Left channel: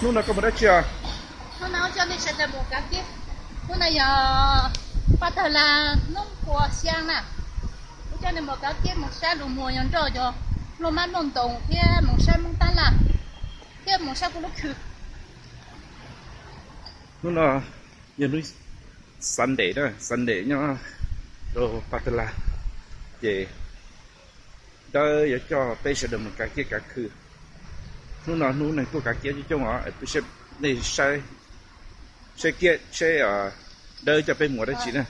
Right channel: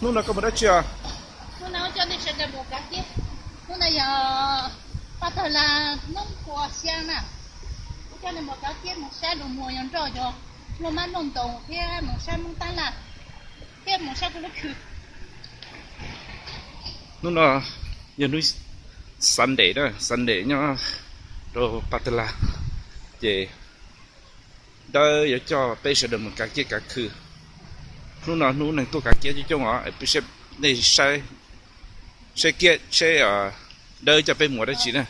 Lúc nào có một đất chưa? Lúc nào cho nên sẽ là một cái kia. Lúc nào giờ bắt đầu là nông của xiang nè. Lúc cho nên một cái kia một xe lùm mùa nhon trò cho. Lúc mà nông tổng kia một xe mông tan là. Kia một xe của lúc khử. Lúc nào giờ núi Sunday đó, Sunday nhá. Rồi bắt đầu là về đây giờ cho bây giờ được một cái kia cả khử. Lúc nào núi này tôi cả kia chứ trong họ bây giờ này sẽ kia sẽ đây cho bên mùa đó chị nè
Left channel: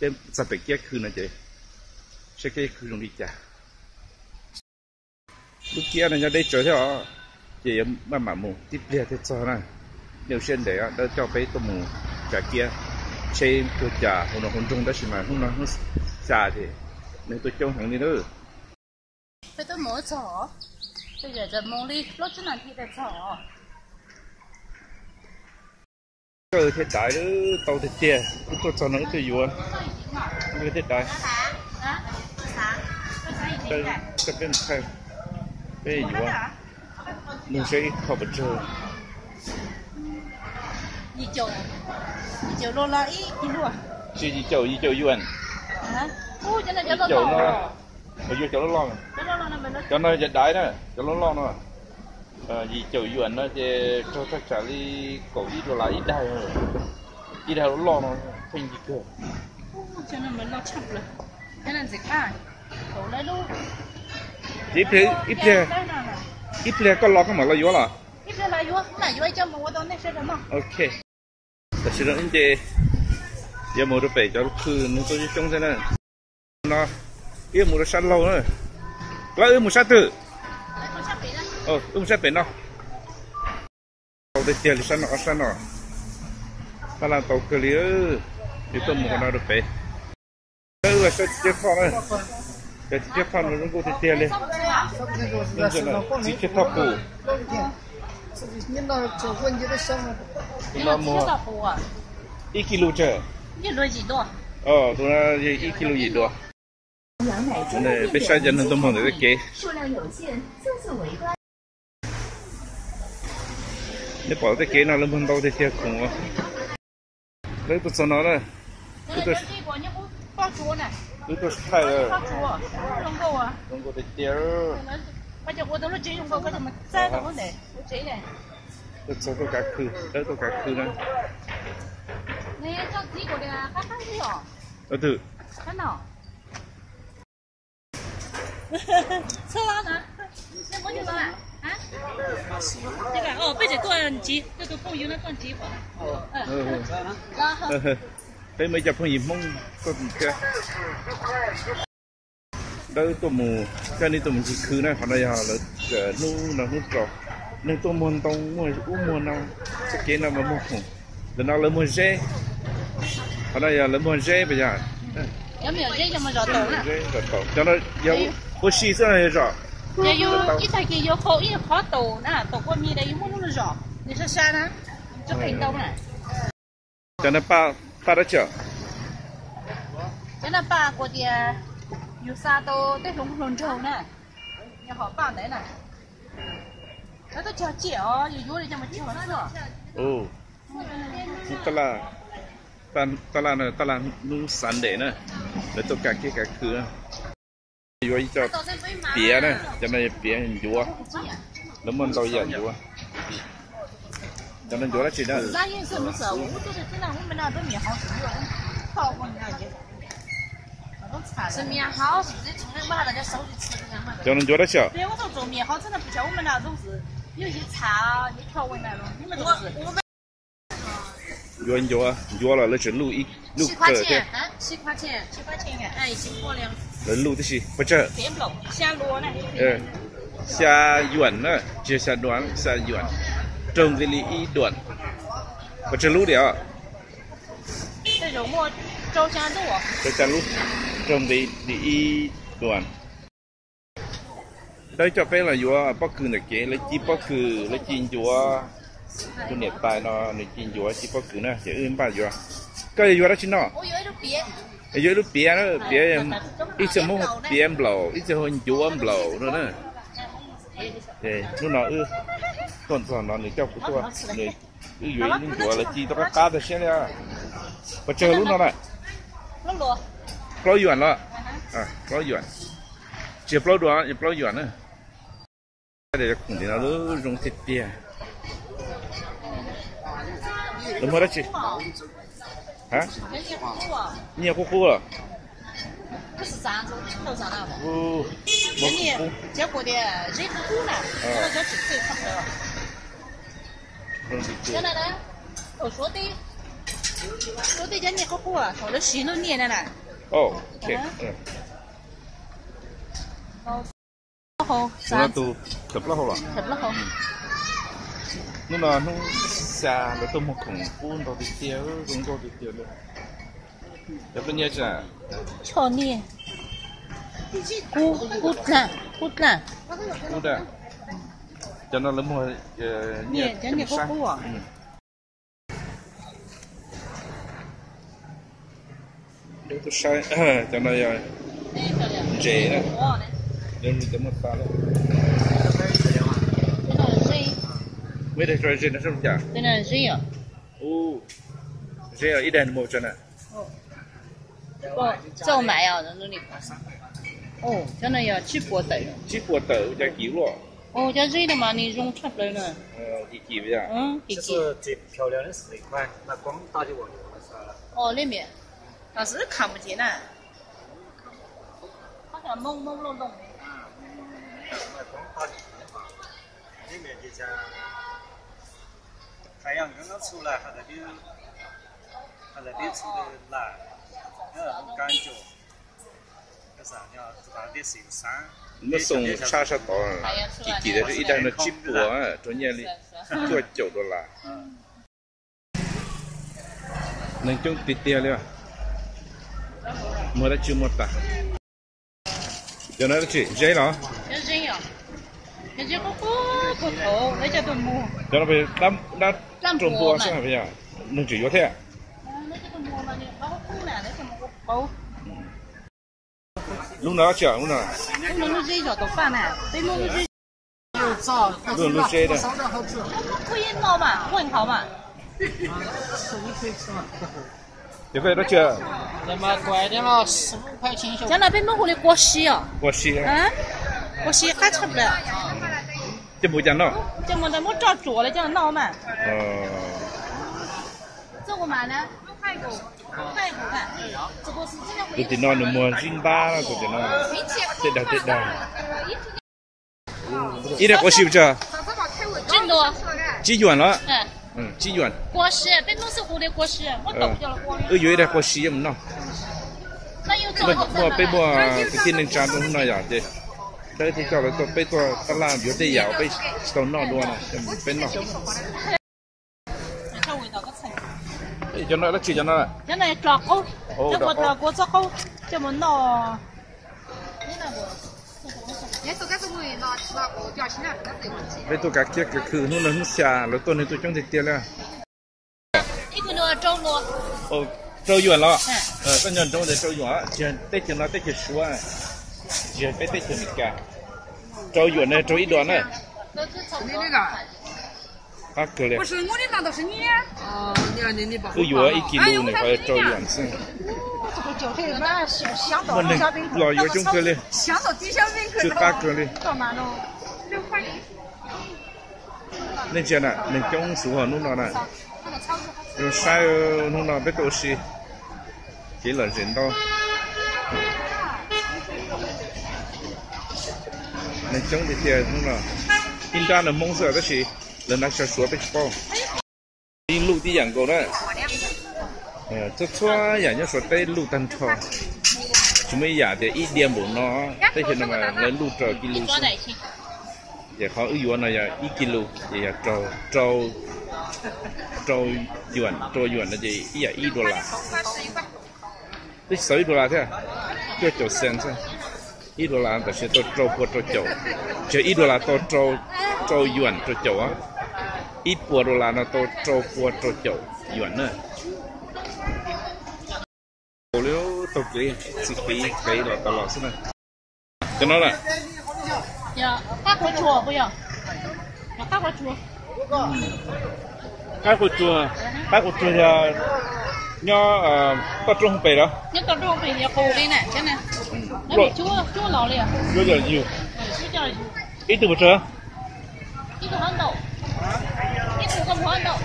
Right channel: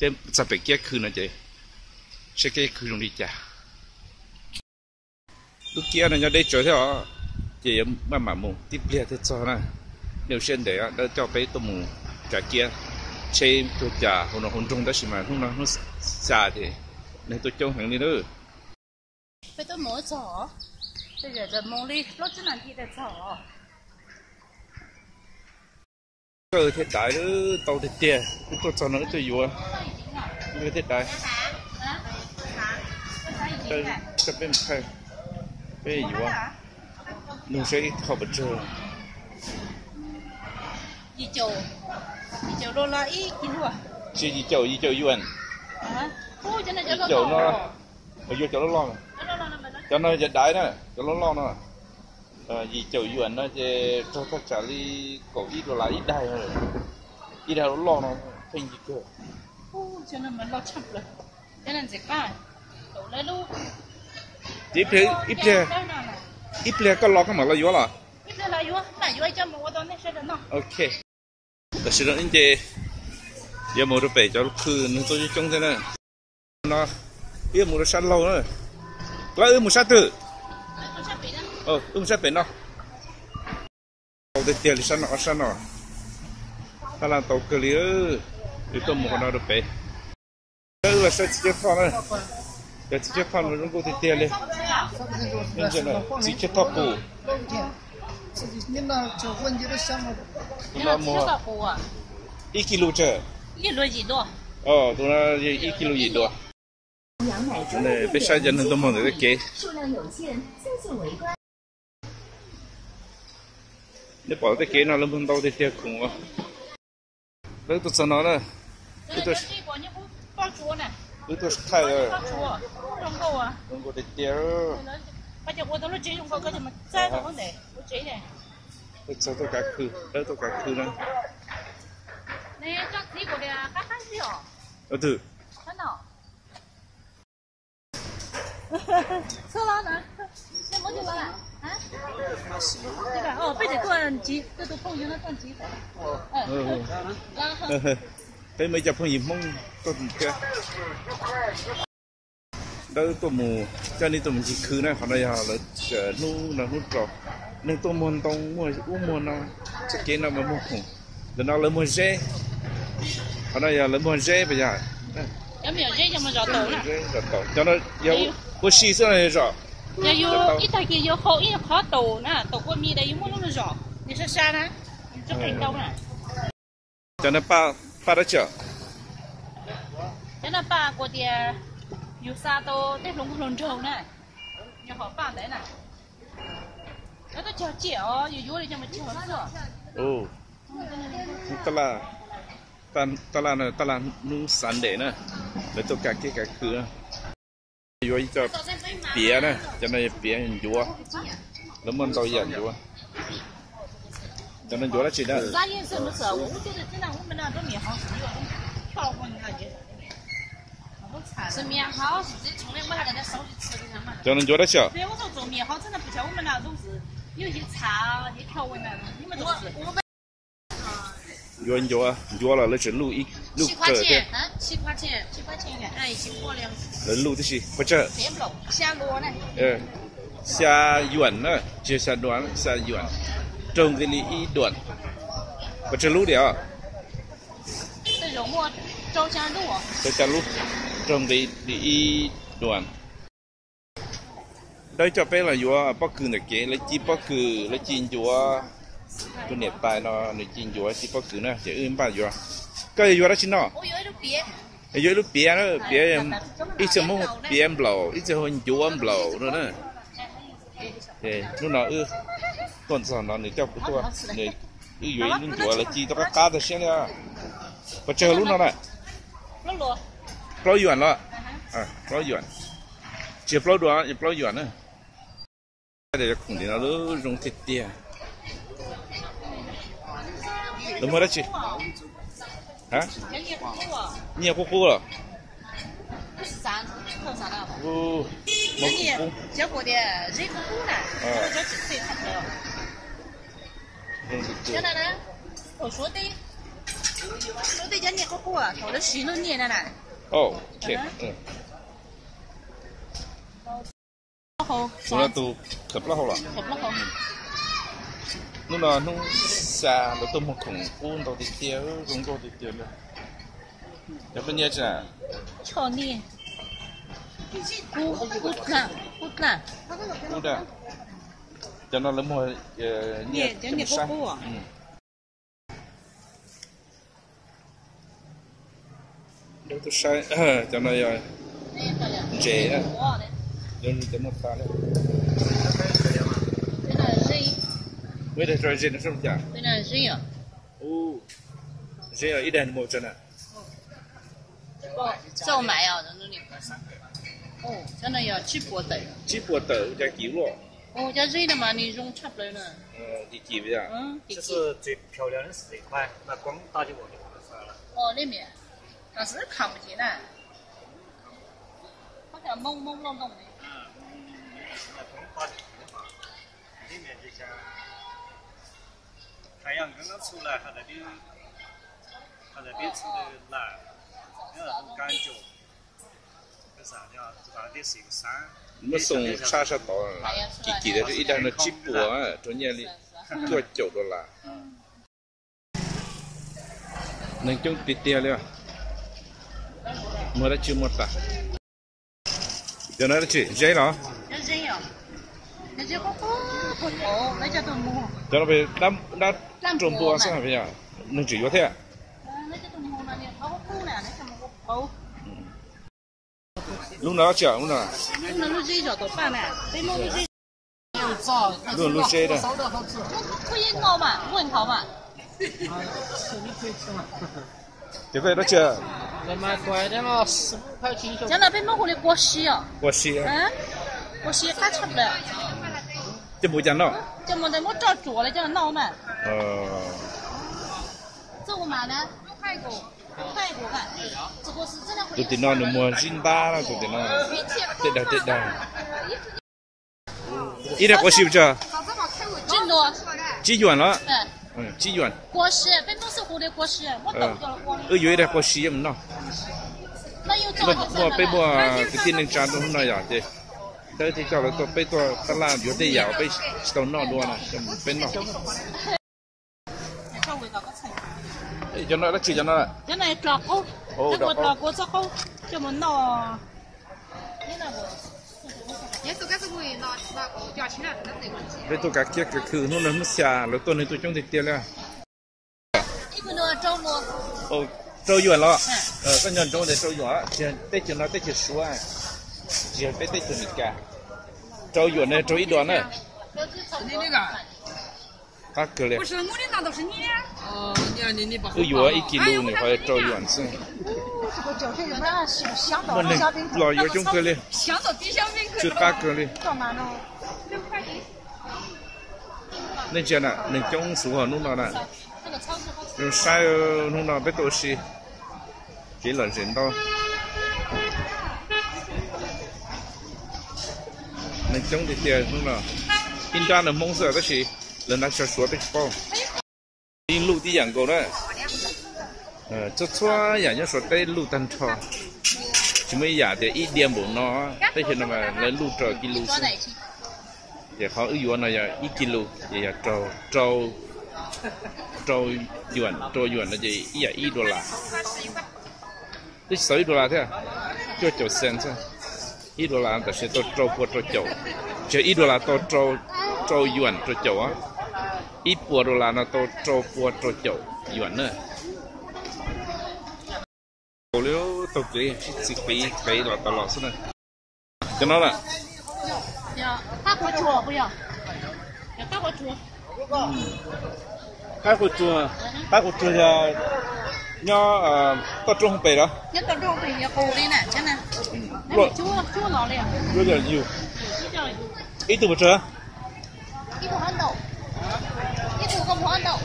cái sẽ bị kia khử nó chị sẽ kia khử luôn đi chả lúc kia này nhà đây chơi theo chị mà mù tiếp lia thế cho nè nếu xem để đó cho bé tôi mù cả kia chơi tôi chả hôm nào hôm trung đó mà hôm nào nó xa thì nên tôi trông hàng đi nữa bây tôi mở chỏ bây giờจะmong đi lúc trước này thì để chỏ cơ thế đại đó tàu thế tiền tôi cho nó tôi vừa cơ thế đại đây cái bên khai bên vừa mình sẽ học bật chơi đi chầu lô la ít kín luôn đi chầu yuan đi chầu nó ở vô chầu nó lo cho nó giật đáy nè cho nó lo nè gì chầu yuan nó để cho tất cả đi cổ ít đồ lại ít đai rồi ít đai nó lo nó thành gì cơ cho nên mình lo chậm rồi cho nên dịch mai cổ lấy luôn ít ple có lo cái mà lo vô là ít ple là vô cho một cái này sẽ được không okแต่สิ่งนั้นเจยังมูรไปจะลุกขึ้นตัวจะจงเท่านั้นนะยังมูรชันเราเนอะแล้วมูชันตื่มูชันเป็นเนาะเอาแต่เตียลิชันเนาะชันเนาะถ้าเราตกเกลีอยู่ตัวมูคนเราไปแล้วว่าจะเจ็บท้องเลยจะเจ็บท้องมันต้องกูเตียเลยนี่จะนะจิเจ็บท้องปูnó mua 1 kg chứ? 1 kg gì đó? Tôi nói 1 kg gì đó? Này bây giờ dân tôi muốn được cái nếu bỏ cái nó lên đâu thì thiệt khủng quá. Đấy tôi nói đó. Tôi thay rồi. Không có thiệt. Bây giờ tôi nói chuyện không có cái gì mà sao tôi vấn đề tôi chỉ này tôi cả khử đấy tôi cả khử đó nè cho tí của nhà khác khác gì hả thử thế nào sao đó nè nên muốn cho nó à hả thế cả bây giờ tôi chỉ tôi không yêu nó con chỉ thế mấy chập không gì mong con kia đây tôi mù cho nên tôi mình chỉ khử này họ đây họ là nu là nu trò nên tôi muốn tông mua nào chắc cái nào mà mua không để nào là mua dê họ đây là mua dê bây giờ giống như dê cho mà rõ tổ nè cho nó yêu có xí xưa này rõ yêu ít thay kia yêu khó tổ nè tổ con mi đây yêu muốn nó rõ đi xa xa nè cho thành đâu nè cho nó ba đã chở cho nó ba của thì yêu xa tô tết lùng trâu nè nhà họ ba đấy nè nó tôi chờ chị ở yêu đi cho mà chị vẫn sửa ta là nu sắn để nè để tôi cả cái khử yêu cho bía nè cho nên bía vua nó muốn tao dần vua cho nên vua đó chỉ là吃面好，自己从来没拿人家手里吃的嘛。叫人觉得小。对，我说做面好，真的不像我们那种是有些茶、一些调味那种，你们都是。约了，那是录7块钱，7块钱哎，辛苦了。那录的是不这。别不下螺呢。下远呢，就下短下远，种这里一短，不这录的啊。这肉末周下路。周下路。trong đi đoàn đây cho bé là vua bắc cừ này kế lấy chi bắc cừ lấy chi vua tôi niệm tài nó lấy chi vua chi bắc cừ nè chỉ ươn ba vua cái vua đó chính nó dưới lúc bía nó bía em ít giờ mông bía em blow ít giờ hơn vua em blow nữa nè 对，lúc nào tuần sau nó người cho cũng tua, người dưới những tua là chỉ tao cá được xem nha, và chờ lúc nào này, bao yuan rồi, bao yuan, chỉ bao đua, chỉ bao yuan nữa, để khủng thì nó dùng thịt tiền, đúng không đấy chị? hả? nhiều cô rồi. 不是啥子，头上了。哦，你结果的人不够呢，这个叫可以差不多。现在呢，我说的叫你好过啊，我的心都黏了呢。哦，对，好，那都可不好了。可不好。lúc nào nó xa nó tôm một khủng cuốn tàu đi tiêu dùng tàu đi tiêu luôn. Giờ có nhớ chưa? Cho nè. Cút nè. Cho nó lấy một nhẹ chấm sáng. Đâu tôi sai, cho nó dễ đó. Giờ mình chấm một pha đấy. Mấy đây rồi dễ nó không chả? Đây là dễ à? Dễ à, ít đèn một chân à? 叫买啊，那里。哦，真的要鸡脖豆。鸡脖豆加鸡肉。哦，加热的嘛，你用差不多了。一鸡不呀？这是最漂亮的是这一块，那光打就忘记了。哦，里面，但是看不见了，好像朦朦胧胧的。那光打进去的话，里面就像太阳刚刚出来，还在里出的蓝。 有那种感觉，为啥呢？这大点是一个山。那送叉烧刀，记得这一旦那鸡脖啊，中间里做久的啦。能种地点了，没得就没得。在哪里去？热了？热呀，那就好不透，那叫做木。在那边那种播是不是呀？能只有它。lúc nào chở lúc nào lúc dây rồi tôi pha này lúc dây đây 可以闹嘛问好嘛 这个都吃那么贵的嘛15块钱小在那边弄回来过溪啊过溪啊过溪还吃不了这不讲闹这么的我照做了叫闹嘛这我买呢6块多看，这个是这样。tôi tin nó được mua zin ba là tôi tin nó tết đây ít là có xíu chưa真多几元了几元过时被公司糊的过时我懂掉了光有点过时么喏mua被mua cái tiền nên trả đâu nó vậy thế đây thì cho là tôi被tôi ta làm有点咬被到闹多了就被闹cho nó chỉ cho nó cái này trọt ô cái bột trọt của sao không cho muốn nó thế nào của bây tôi cả kia cái khử nó xả rồi tôi này tôi trong thịt tiền là ít cái nữa trâu luôn trâu yuan lo cái nhân trâu để trâu yuan chỉ tết cho nó tết chỉ số chỉ tết cho mình cả trâu yuan này trâu ít đoạn này các cái này 不是我的那都是你。哦，你不。有1 kg 呢，还照远是。那当然是香到我那老有种个嘞，香到底下面去。就大个嘞。干嘛呢？6块。那些呢，那种熟好弄到呢，用晒弄到别多些，给了人到。那种的店弄到，平常的蒙色那些。 lần nào cho bị bao, đi lũ đi养狗đấy, cho cho养cho số đây lũ tan cho, chỉ mới养để ít điểm bổ nó, đây hiện mà lấy lũ trò kilo, giờ họ ưu này giờ ít kilo, giờ trâu yuan là gì, ít đô la, đây $6 thế, cho cent thôi, ít đô la,แต่是trâu của trâu, chỉ ít đô la trâu yuan trâu á. ít $1 nó trâu chậu yuan nữa. Nếu tôi chỉ là tao lọt xuống này. Cho nó là 要大锅煮不要？要大锅煮。cái của chùa là nho tập trung bể đó. Nhất tập trung bể là củ đi nè, chứ nè. Nó bị chua lẩu liền. Chua giờ nhiều. Ít từ bao giờ? Ít từ hơn đậu. Ít từ không hơn đậu.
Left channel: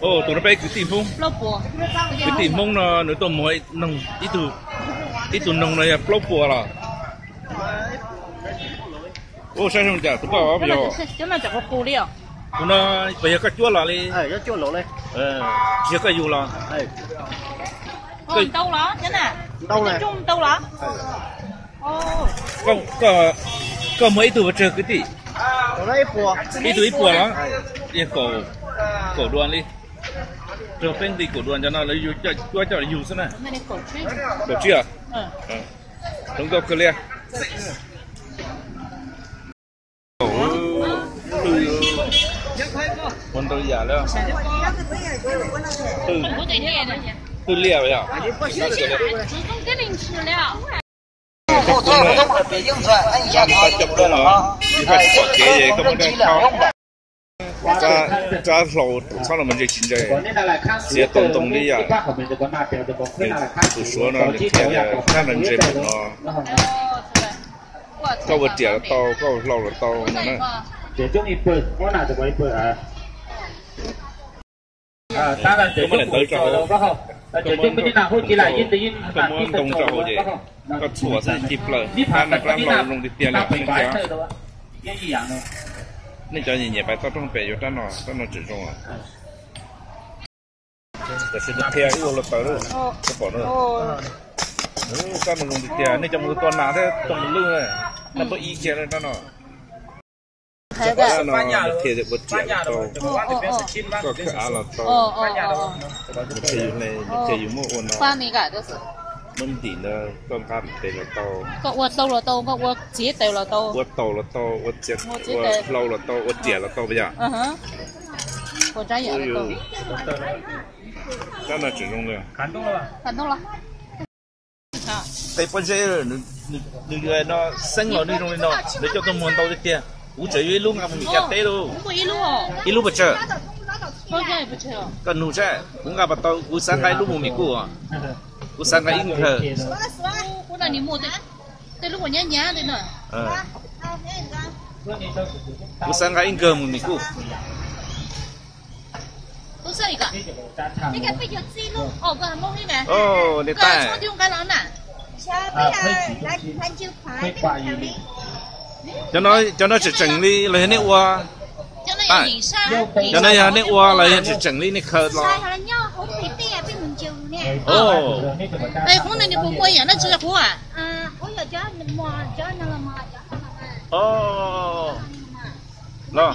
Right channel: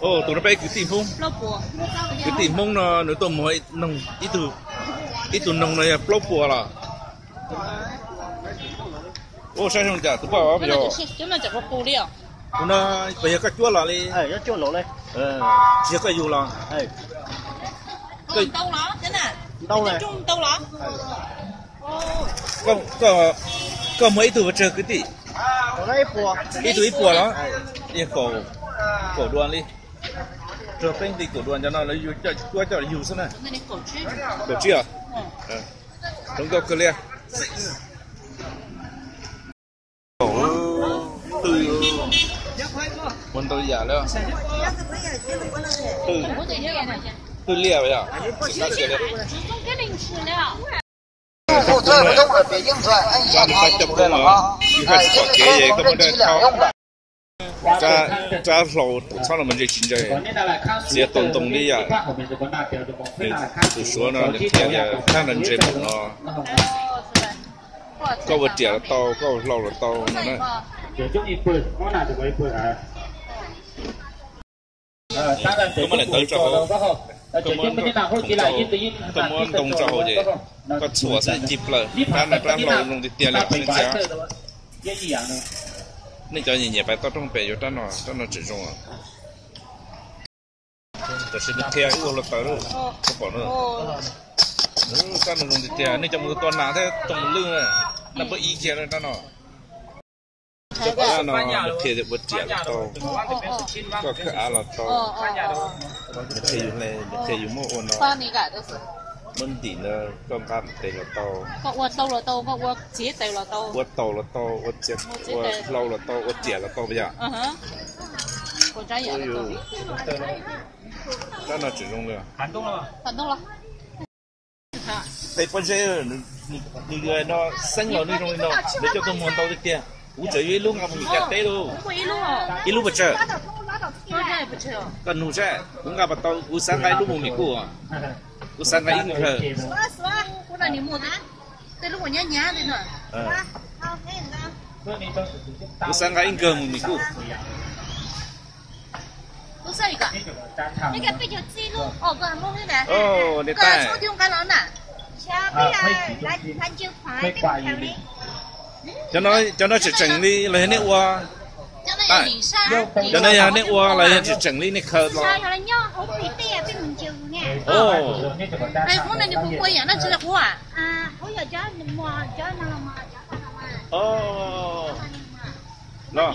Ồ, tụi nó bay cứ tìm không? Cứ tìm không nó tụi mỗi nông ít từ nông này plop bùa là. Ồ, sao không chả tụi bảo bây giờ? Chứ mà chẳng có củ đi à? Tụi nó bây giờ cái chua là đi. Cái chua lỗ này. Chỉ cái dù là. Cái đâu đó, thế nào? Đâu này? Trung đâu đó? Có mấy từ vật cái gì? Có đấy bùa. Ít bùa đó. Đi cổ đoan đi. Rồi bên đi cổ đoan cho nó lấy cho dù thế này. Này cổ chi. Cổ chi à? Chúng tôi cứ liền. Mình tôi giả nữa. Từ lia vậy à? Cái linh sử liệu. phụ trợ của thông ở phía dương thoại anh giảm ta chụp đó là vì phải có cái gì có vấn đề thao cha lầu sau là mình chỉ chính vậy sẽ tồn đi à từ số nó được theo là khá là dễ một nó có vật trẻ là to có lầu là to nó này có mà lại tới cho họ có muốn tung cho họ vậy có sủa sẽ chịp lời ta là làm lầu dùng tiền là nên giá nên cho nhìn nhẹ phải to trong bể cho nó chỉ dùng àแต่สิ่งที่เที่ยวอยู่เราต่อเลยก็บอกเลยก็มันลงที่เที่ยวนี่จะมือตัวหนาที่ตรงมันลื่นเลยนั่นเป็นอีเกียเลยนั่นเนาะแล้วเนาะเที่ยวจะบดเจียร์ต่อก็คืออะไรต่อเที่ยวอยู่ในเที่ยวอยู่มั่วอ่อนเนาะมันดีเนาะต้องการเที่ยวต่อก็อวดโตเราโตก็อวดเจี๊ยเตเราโตอวดโตเราโตอวดเจียอวดเราโตอวดเจียเราโตไปจ้ะcòn trái vậy đó là chỉ dùng được感动了吧？感动了。tại bây giờ người nó sinh rồi đi trong nó để cho tôi muốn tao đi tiền cũng chỉ với lúc nào mình chặt té luôn ít lúc bữa chờ còn nụ chơi cũng gặp tao cũng sáng cái lúc mình cũ à cũng sáng cái ít giờ cũng là niệm một tới lúc mà nhá nhá thế nữa cũng sáng cái ít giờ mình cũ都是一个，那个被有记录，哦，个摸黑的，哦，你带，用干了呢，cho nó chỉ chỉnh đi lấy nét qua, cho nó nhà nét qua lấy chỉ chỉnh đi nét khờ lo. Ồ, đây cũng là những bộ quay à, nó chưa có à? Ồ, lo.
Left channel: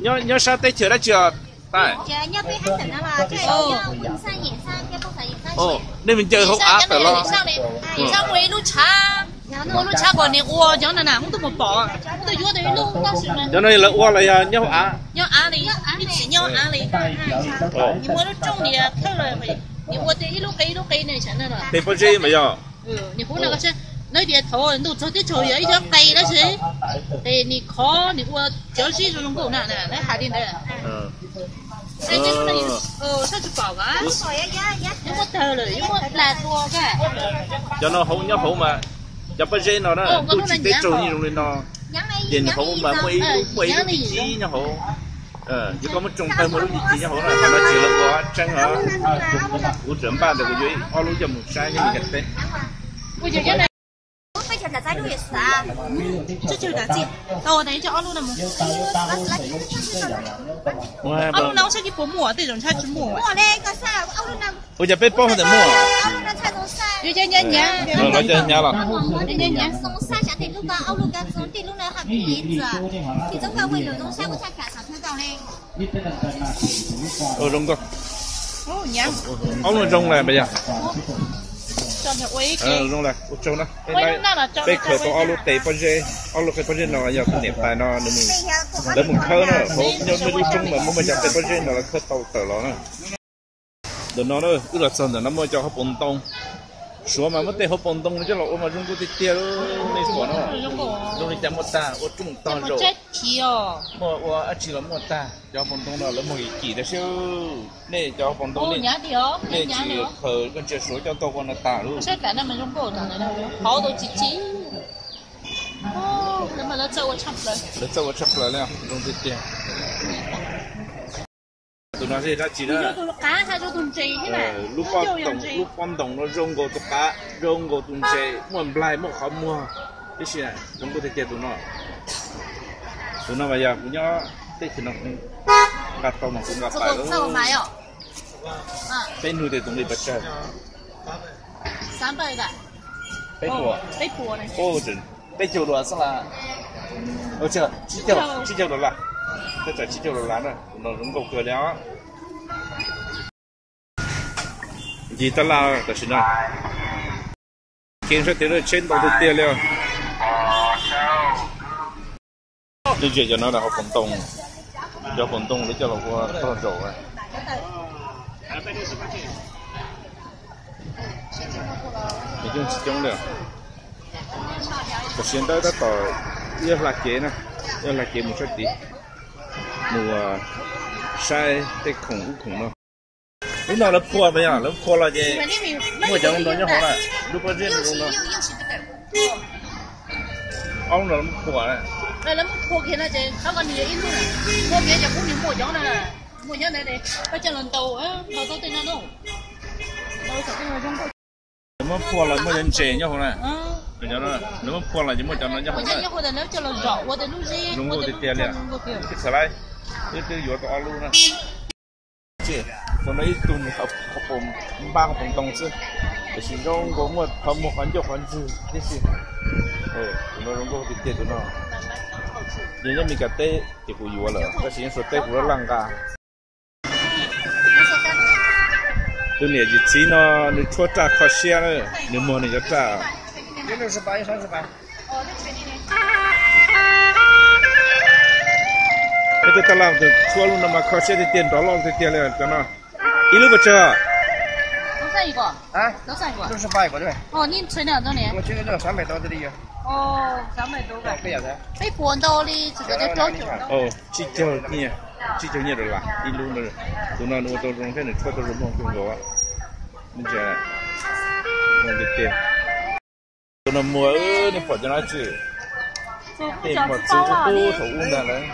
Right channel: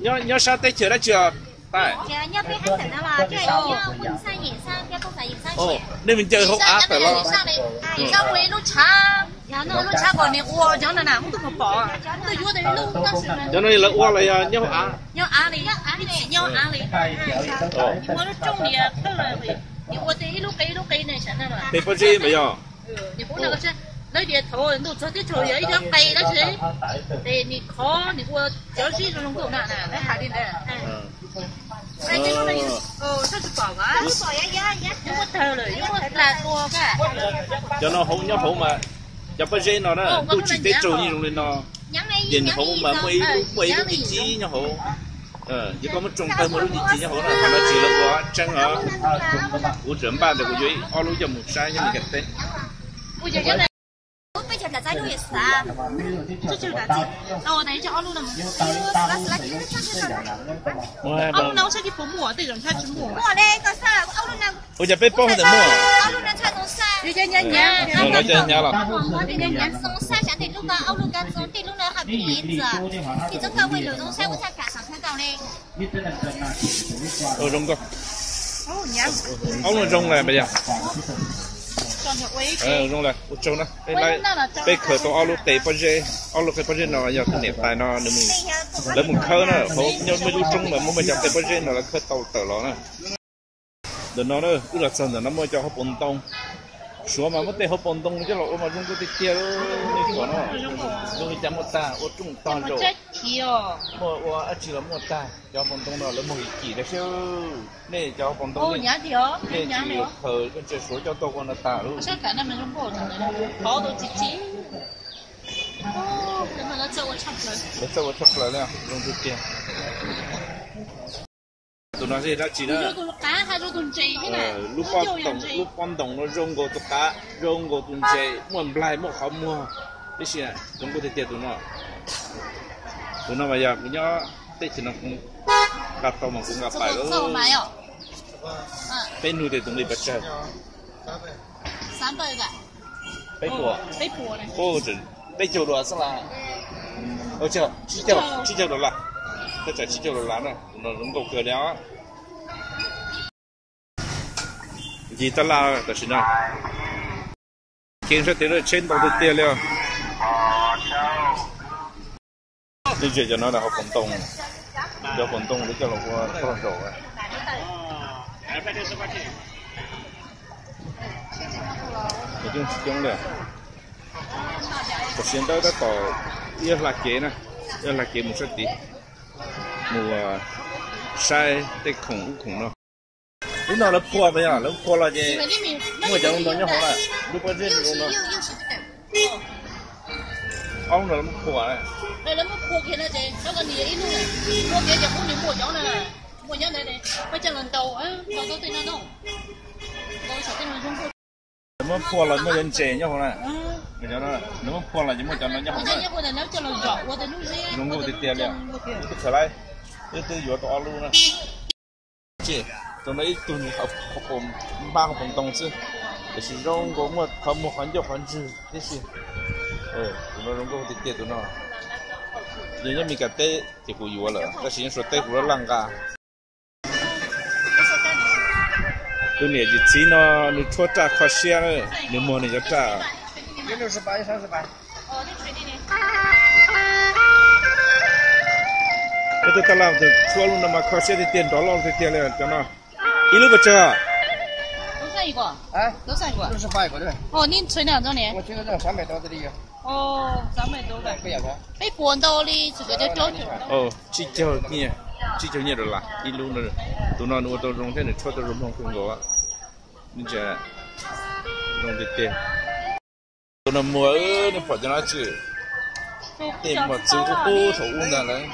Nhớ sao tới chưa đã chưa? Tại. Ồ, nên mình chơi không áp phải lo. Sao quay lúc cha còn này ua chẳng là nào cũng tôi một bỏ, tôi vô đây lúc có sự này. Cho nên là ua là nhau á. Nhau á đi, đi chỉ nhau á đi. Nhưng mà lúc trong thì không là mày, nhưng mà tí lúc cây này chẳng là. Thì bao nhiêu mà giờ? Nhưng cũng là cái nói chuyện thôi, nó cho cái chơi ấy cho tay đó chứ, thì你khó,你我就是这种狗呢，那还得呢。哎，这个这就搞啊，我偷了，因为来多个。cho nó hậu nhau hậu mà, cho bao nhiêu nó đó, tôi chỉ tới trâu như luôn nó, nhìn hậu mà mấy lúc gì nhau hậu, chỉ có một trong tay mấy lúc gì nhau hậu là còn nó chỉ là quá trắng hả, của trưởng ban thì của dưới, ao lúa cho một sai như mình gần đây. Bây giờ này. Bây giờ là trái đu也是啊，这就是的鸡。哦，等一下，奥路的么？奥路那我先去剥膜，这种菜是膜。膜嘞，个啥？奥路那。我就被剥的膜。奥路那菜种啥？有点黏黏。我就黏了。黏黏。种啥像地路个奥路个种地路那还皮子，皮子个为了种啥我才赶上看到嘞。Rong cơ. Ồ, nhá. Ông rong này bây giờ. Rong này, trâu nó. Bây khởi tố alo tệ bao nhiêu, alo cái bao nhiêu nó giờ cái niệm tài nó để mình khơi nó, không nhớ mấy lúc trông mà muốn mình chặt tệ bao nhiêu nó là khơi tàu tờ nó. đợt nó nữa cứ là sân nó mới cho họ bồn tông số mà mất tiền họ bồn tông chứ là mà chúng tôi đi tiêu này của nó lúc này chăm một ta ở trung toàn rồi mua chỉ là một ta cho bồn tông đó là một chỉ là siêu này cho bồn tông này chỉ thời con chơi số cho tôi con là ta luôn chắc cả năm mình không có thằng này khó tôi chỉ mà nó châu chắp lại nè trong tiết tiền tụi nó sẽ ra chỉ đó lúc quan đồng nó rong go tụi cá rong go tụi chơi mua lại mua khó mua cái gì này rong go tiết tiền tụi nó bây giờ cũng nhớ tết thì nó cũng gặp tàu mà cũng gặp phải đó bên nuôi thì tụi đi bắt chơi 300的背锅呢不止背9多是啦这7多了这7多了呢nó rong go cửa léo gì ta la ta xin nào kiến sẽ tiến trên đầu tiên tiền liền đi chơi cho nó là học vận động để cho nó qua thon rổ ấy thì chúng chỉ trong được ta xin tới ta tỏ yêu là kế nè yêu là kế một số tí mùa sai để khủng nó lúc nào nó phua bây giờ nó phua là gì mua chẳng nó nhớ họ này lúc bây giờ nó ông nó phua này rồi nó phua kia là gì nó còn nhiều ít luôn này phua kia chẳng cũng những mua nhớ này phải cho lần đầu á đầu tôi tên nó đâu sợ cái nó không nó phua là mua chân chè nhớ họ này để cho nó nếu phua là chỉ mua cho nó nhớ họ này nhớ họ là nó cho lần rõ qua đến lúc gì nó mua tiền liền cái sợi này cái vừa to luôn này chịตอนนี้ตุนเขาผมบ้างผมตรงซึ่งแต่สิ่งที่เราหมดทำหมดขันยกขันจืดนี่สิตัวเราก็ติดเตี้ยตัวน่ะยังมีกระเตะที่กูอยู่เลยแต่สิ่งสุดเตะกูรังกาตัวเนี่ยจิตสีน่ะนี่ทั่วตาข้อเสียเลยนี่มันนี่จะตาไอ้ตัวตลาดตัวชั่วลุ่นน่ะมาข้อเสียที่เตี้ยดอลลาร์ที่เตี้ยเลยตัวน่ะ一路不吃啊？都算一个，68一个对。哦，你存2周年？我存个这300多这里有。哦，300多个。不要噻。被搬到的这个在九九。哦，7年的啦，一路的，都那我都用的，出都是忙工作啊，你这弄的对，都那mua你跑进来吃，对嘛，吃个多头的嘞，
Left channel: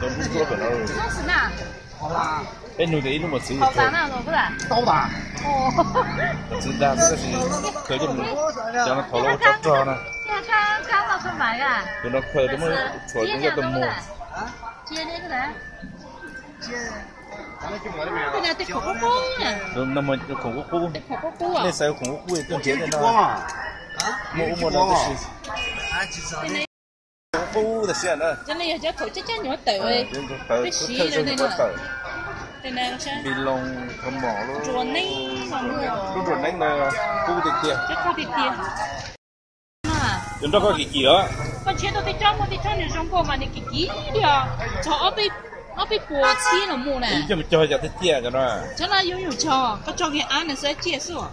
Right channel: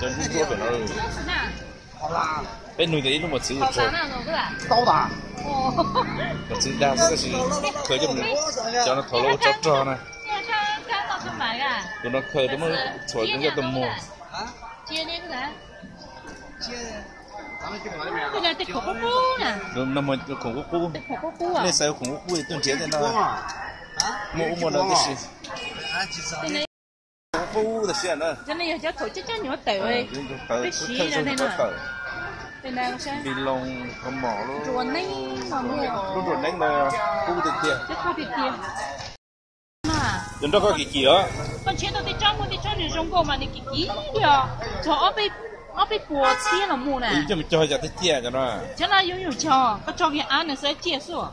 都不做本了。那是哪？好啦。哎，你的一路么吃？好大那种不是？高大。哦。我知道这是，可就叫那头颅抓呢。刚到去买的。都那可怎么做那个都摸？啊？接那个人。接，咱们去哪里买？人家得口锅呢。那么孔锅锅。口锅啊。那时候孔锅锅都接在那。啊？摸那是。锅的线呢？真的要叫头这叫你们抖哎。这洗了那个。bị lông không mỏ luôn ruột nén mà mua ruột nén là khu tiệt tiền chứ khu tiệt tiền mà chúng ta có cái gì đó con chế tôi trong này trong cô mà này cái gì đi à cho ở bên bùa chia là mua này chứ mà cho giờ tiệt tiền cho nó chứ là dùng cho có cho cái ăn này sẽ chia sữa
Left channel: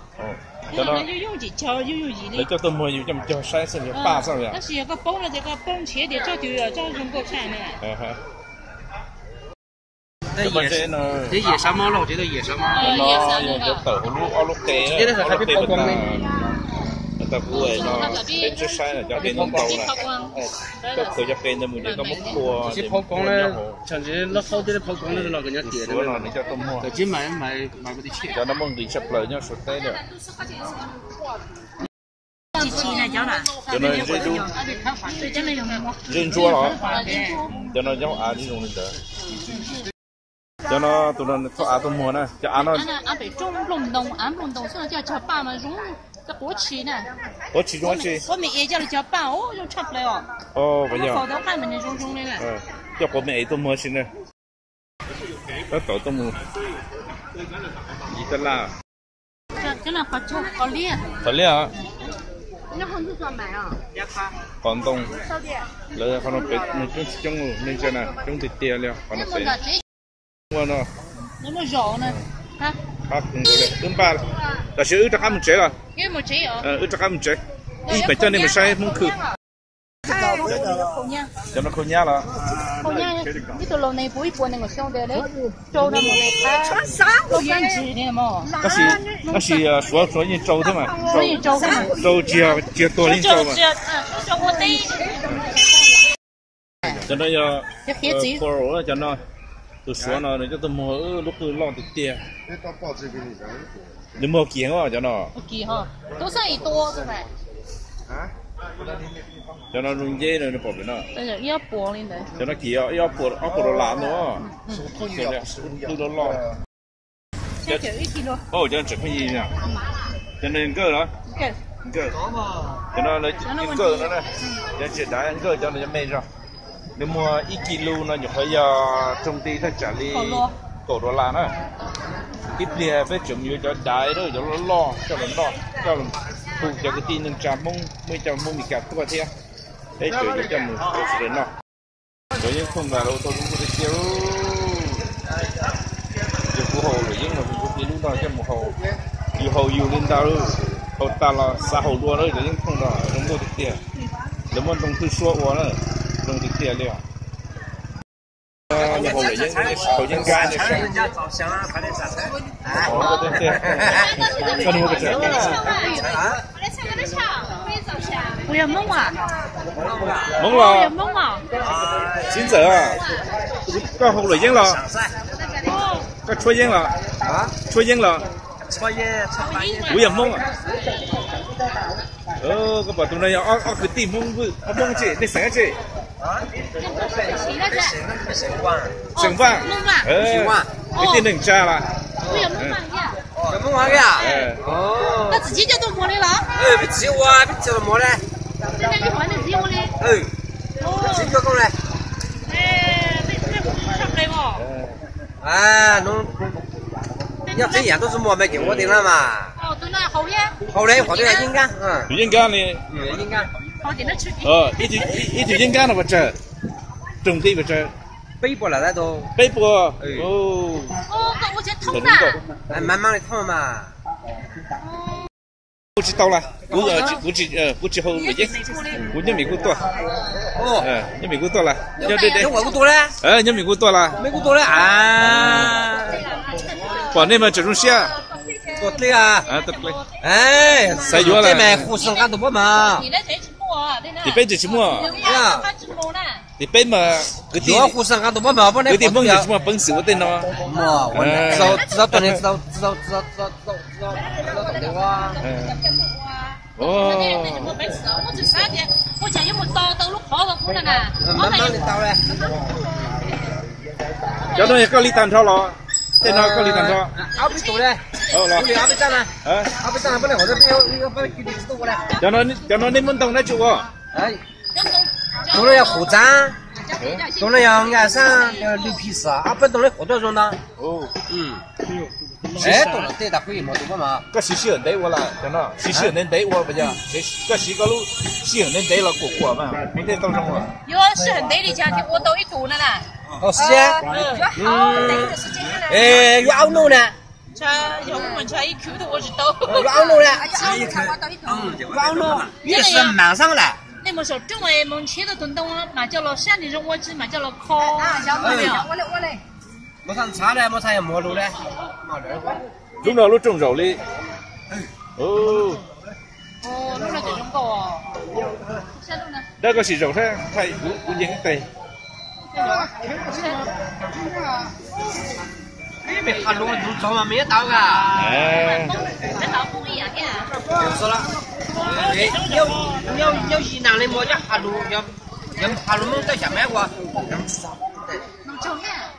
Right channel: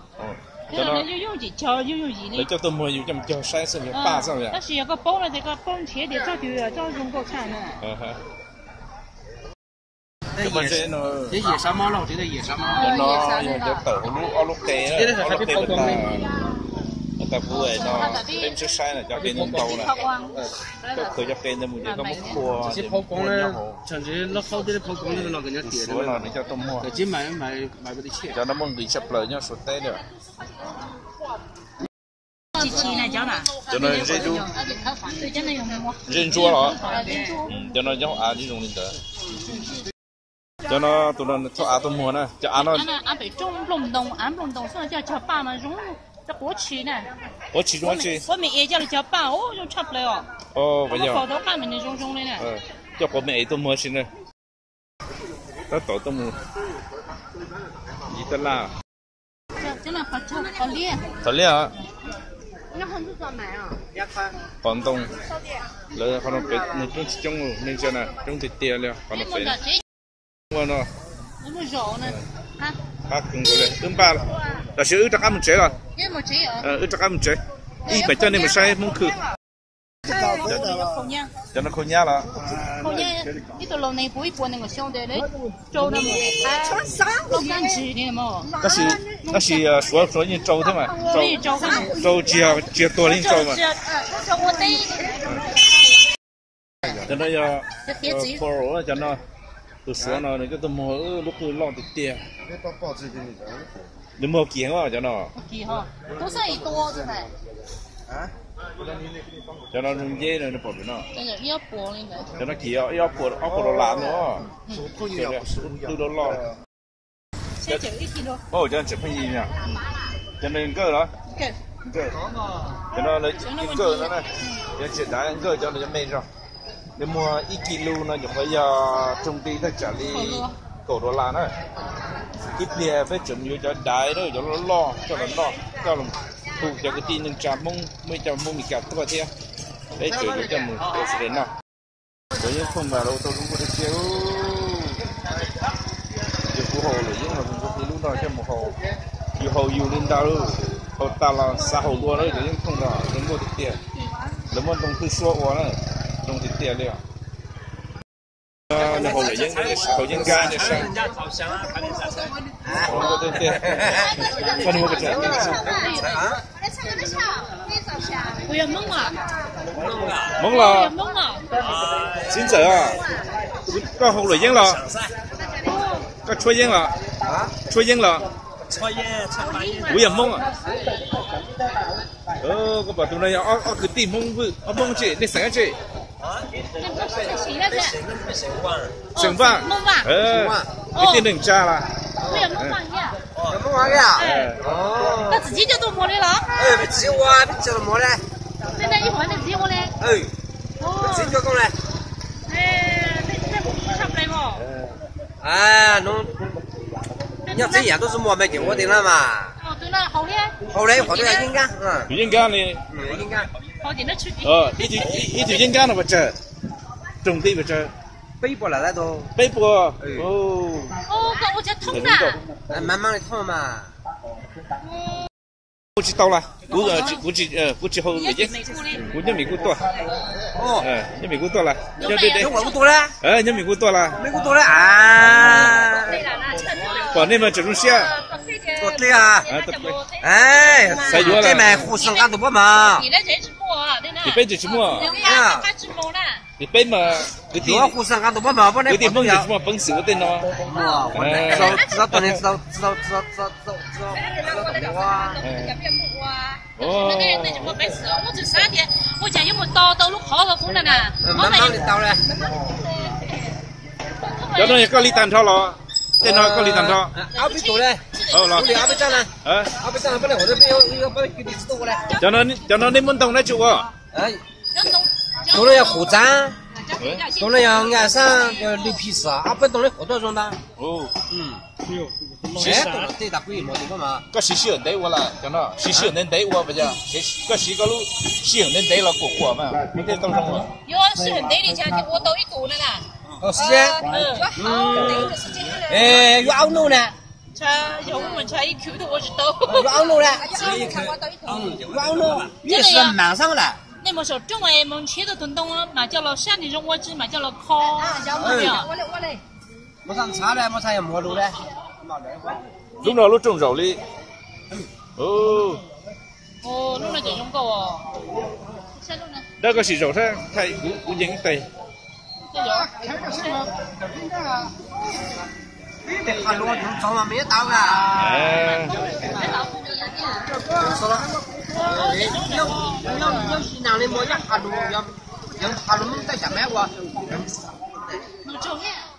cho nó dùng gì cho dùng gì lấy cho tôi mua dùng cho cho sai sự việc 3 sao vậy cái gì cái bông là cái bông chế để cho từ cho dùng cô xài này这野山猫了，我觉得野山猫。nó giờ tàu lúc tê á, lúc tê người ta vui nó bên trên sai là cho bên tàu này, có khởi cho bên này mình có múc cua.这抛光呢，像这那好点的抛光的那个人家点的。说了你叫多mua. 在这买不得起。cho nó mong bị sập lời nhau sụt té được. cho nó dễ đu, dễ chua nó, cho nó giống ăn đi dùng lên đó. cho nó tụi nó cho ăn tôm mua nè cho ăn nó ăn bị trong lồng đồng xong rồi cho bao nó rúng cái bố trí này bố trí bố mẹ cho nó cho bao rồi chập lại bây giờ phở đâu ăn mình rung này nè cho bố mẹ tôm mua xin nè nó tổ tôm mua gì ta la cho nó có lia à nó không được買啊廣東你可能別你中始終你真係中啲啲了可能別我呢那麼柔呢啊好，跟过来，跟罢了。但是有这俺们这了，也没这样。有这俺们这，一百叫你们晒门口。叫那口娘了。口娘，你到楼内补一补那个小的嘞，找他们来看，我敢吃的嘛。那是说你找他嘛，找接多的找嘛。找我得。叫那要过儿叫那都说了，人家都没路口老的点。你没见啊？叫那。见哈，都是一多对不对？啊？叫那容易的那宝贝呢？真是要剥的呢。叫那鸡要剥到烂了，叫那都到烂。小就1 kg。哦，叫这块一样。叫那够了。够。叫那来够了呢，要简单够叫那就没上。你mua 1 kg nó phải trong tí ta trả lý cổ đồ là nó ít lìa phải chụp nhiều cho đáy đó cho nó lo cho nó phụ cho cái tin trả mông mới cho mông bị kẹt qua thế đấy cho mình sẽ đến nào rồi nhưng không vào đâu tôi cũng có thể chiếu cho phù hồ rồi nhưng mà mình có cái lúc đó cho một hồ nhiều lên đâu hồ ta là xa hồ đua đấy nhưng không đó đúng có thực tiền nếu mà trong thứ số quá nữa trong thực tiền liệu那后来人后人干的事，我对对，我怎么不知道？不要懵啊！懵了，懵啊！现在啊，搞后来人了，搞错人了啊，错人了，不要懵啊！个把东南亚个地懵不懵这，你三这。剩饭，你点能加了？没玩的啊？哦，那自己就都摸的了？别自己挖，别叫他摸的。现在一换的自己摸的？自己做工嘞。那上不来嘛？侬要这样都是摸没给我的了嘛？哦，对了，好的。好嘞，好的应该，应该的。应该。好点的吃的。一条应该的不吃，种地不吃。背部了那都。背部哦。哦，我才痛呐。慢慢的痛嘛。估计到了，估计后已经，估计美国多。你美国多了，对，我多了。你美国多了。美国多了啊。国内嘛这种虾。多对啊。对。晒药了。这买护身干多不嘛？你背着什么？你背嘛？嗰啲护身干多不嘛？嗰啲蒙着什么本事我哋咯？知道本来知道懂的哇。哦。我这3天，我家有没到路好个工了呢？慢慢的到嘞。叫那个李蛋炒咯，在那个李蛋炒。阿不多嘞。好了。阿不涨了。阿不涨了，不能或者要把给你知道过来。叫那你们懂那就我。懂了要护章，懂了要按上绿皮丝啊，不懂了活多种的。哦。懂了对，他可以摸懂嘛？个是人对我了，叫那是人对我不讲，个是个路是人对了过嘛，没得当中了。有是人对的，讲我都一个了啦。时间。有熬弄呢。要我们一口的我是都。有熬弄呢。有熬弄，也是马上了。你们说中外门切的东东了，买叫了山里种我只买叫了烤。我嘞。没上茶嘞，没上也没路嘞。弄到路种肉的。哦，弄到这种高哦。那个是肉噻，太不应对。没看路，早晚没到噶。跟老公一样的。是了。有西南的么？要下路，要下路在下面哇，能吃少不得？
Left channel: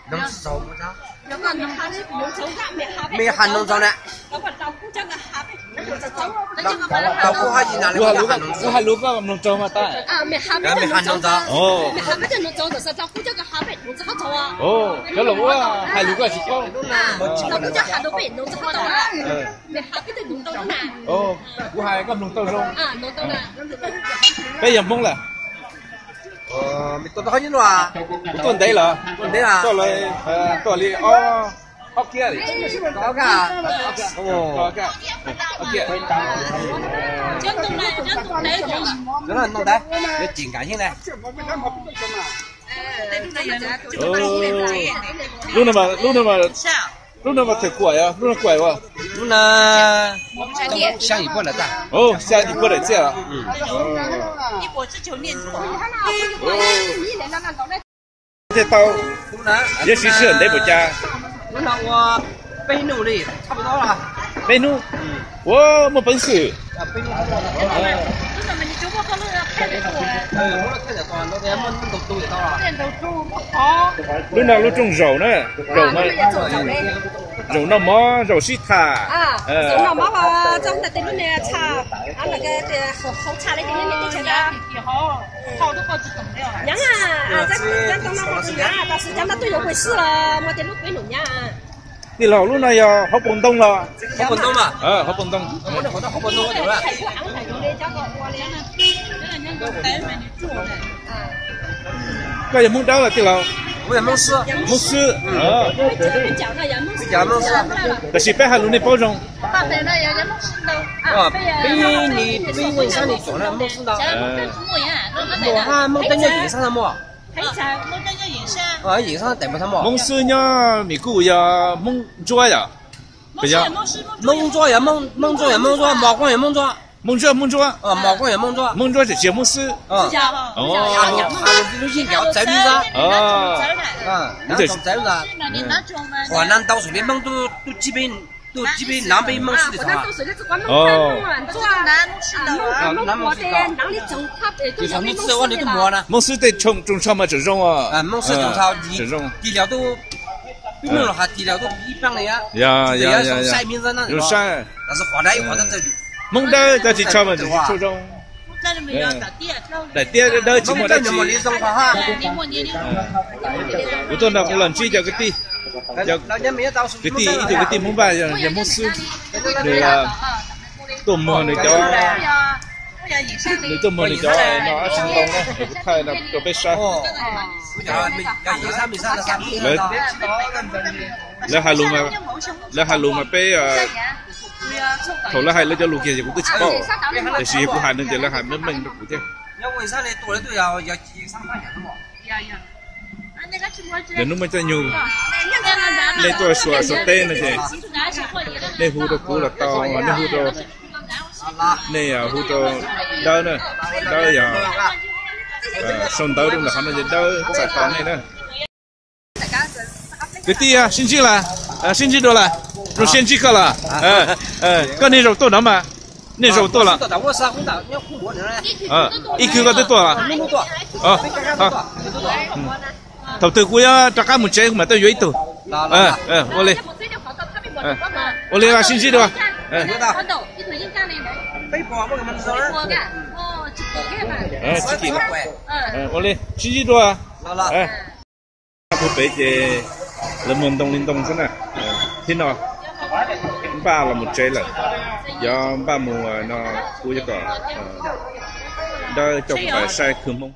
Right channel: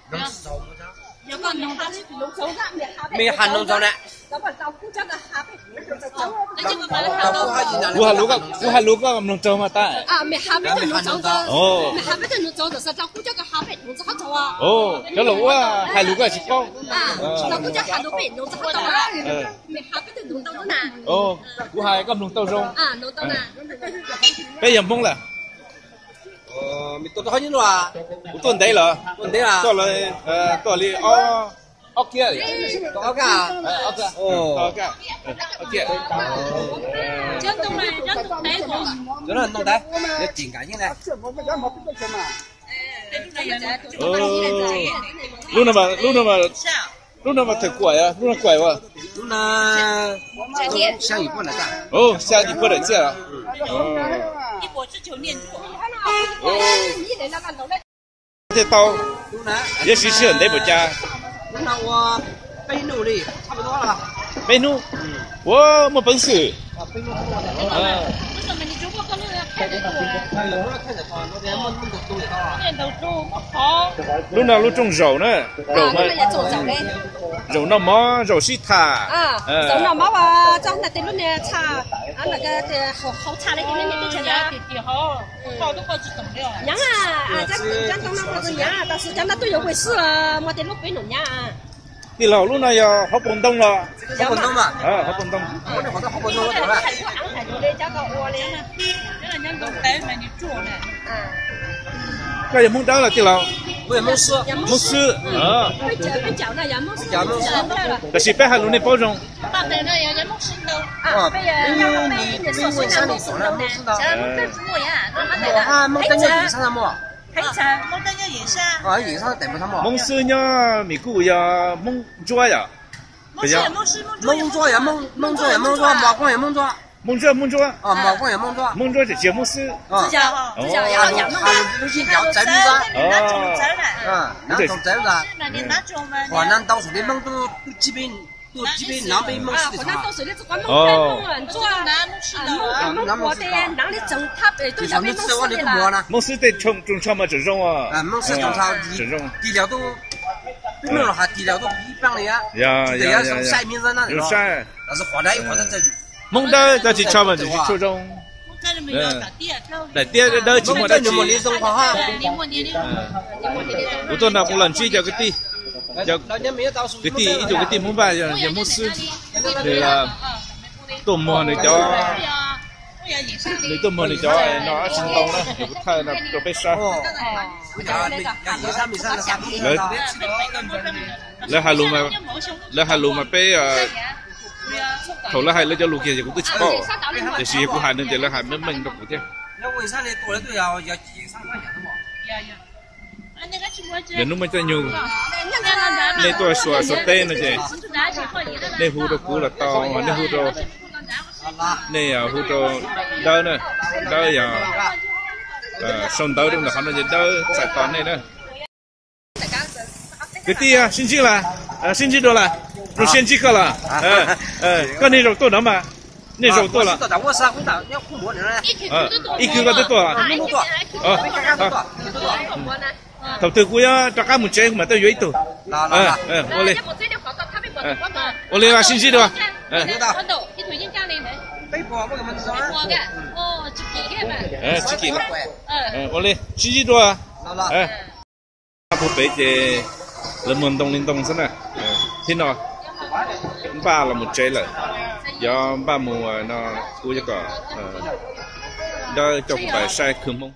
能吃少不着？没喊农庄的。老夫还西南的。我还路个农庄嘛带。没喊农庄。哦。没喊不得农庄的是老夫叫个哈北农子好走啊。哦，那路啊，还路个是高。老夫叫哈北农子好走啊。没哈不得农庄的。哦，我还个农庄中。农庄的。被人蒙了。没多好几路啊。不断对了。断对啊。到了到了 OK 哩。OK。哦。OK。OK。真冻嘞，真冻嘞就。这人弄的，有紧感性的。哦，路那么太怪啊，路那怪哇。那香一半的蛋。哦，下一波来见了。哦。一波只就练出。哦。这刀也许是很累不家。那我背努力，差不多了。背努？我没本事。啊，背努差不多了。你怎么你就我可能开得多？我开得多，那边都有到了。练都做好。路那路种肉呢，肉嘛。肉那么肉是它。肉那么哇，长得对路呢差，那个的好差的对路呢对成呀。好，好多个就懂了。样啊，咱当那不是样啊，但是讲那都有回事了，没得路归农样。你老路那要好蹦动了。好蹦动嘛？好蹦动。我那好多好蹦动了，对吧？那也蒙到了，对了。我也蒙丝。蒙丝。啊。讲蒙丝。但是北海路的包容。哦，比文山的做了蒙丝呢。我看蒙登的银山么？哦，银山代表什么？蒙丝呀，米谷呀，蒙抓呀。不呀。蒙抓呀，蒙抓，马光也蒙抓。蒙抓。啊，马光也蒙抓。蒙抓是节目丝。哦。流行叫摘米抓。哦。那种摘的。华南到处的蒙都基本南北蒙丝的啥？哦。蒙丝得种草嘛，这种啊。蒙丝种草，地料都，比如哈地料都一般的呀。呀。晒名字那。有晒。但是华南这。蒙的再去炒嘛，就是初中。来点的就没得去。我到那湖南去叫个地，叫个地，一个地蒙吧，叫蒙丝，对啦，都没那叫，你都没那叫，那震动呢，也不太那都被杀。来海路嘛被头了还那叫路线就不吃饱，这些不还能得了还没门都不的。要为啥呢？多了都要上上样的嘛。人都没在牛，那多说对那些，那湖都过了到，那湖都，那呀湖都到呢，到呀，上到的好那就到在到那呢。个地啊，星期了，星期多了。肉先几克了，跟那肉多了吗？那肉多了。我是我到要苦过的嘞。1 kg 得多啊？那么多。好。头对股呀，大家没钱嘛，都愿意投。我来。我来啊，星期多。有的。背包我给他们做了。几个？我来，星期多啊。不背的，那么东是呢？听到。ba là một trái lợn do ba mùa nó cua cho cả đó trong phải sai khử mông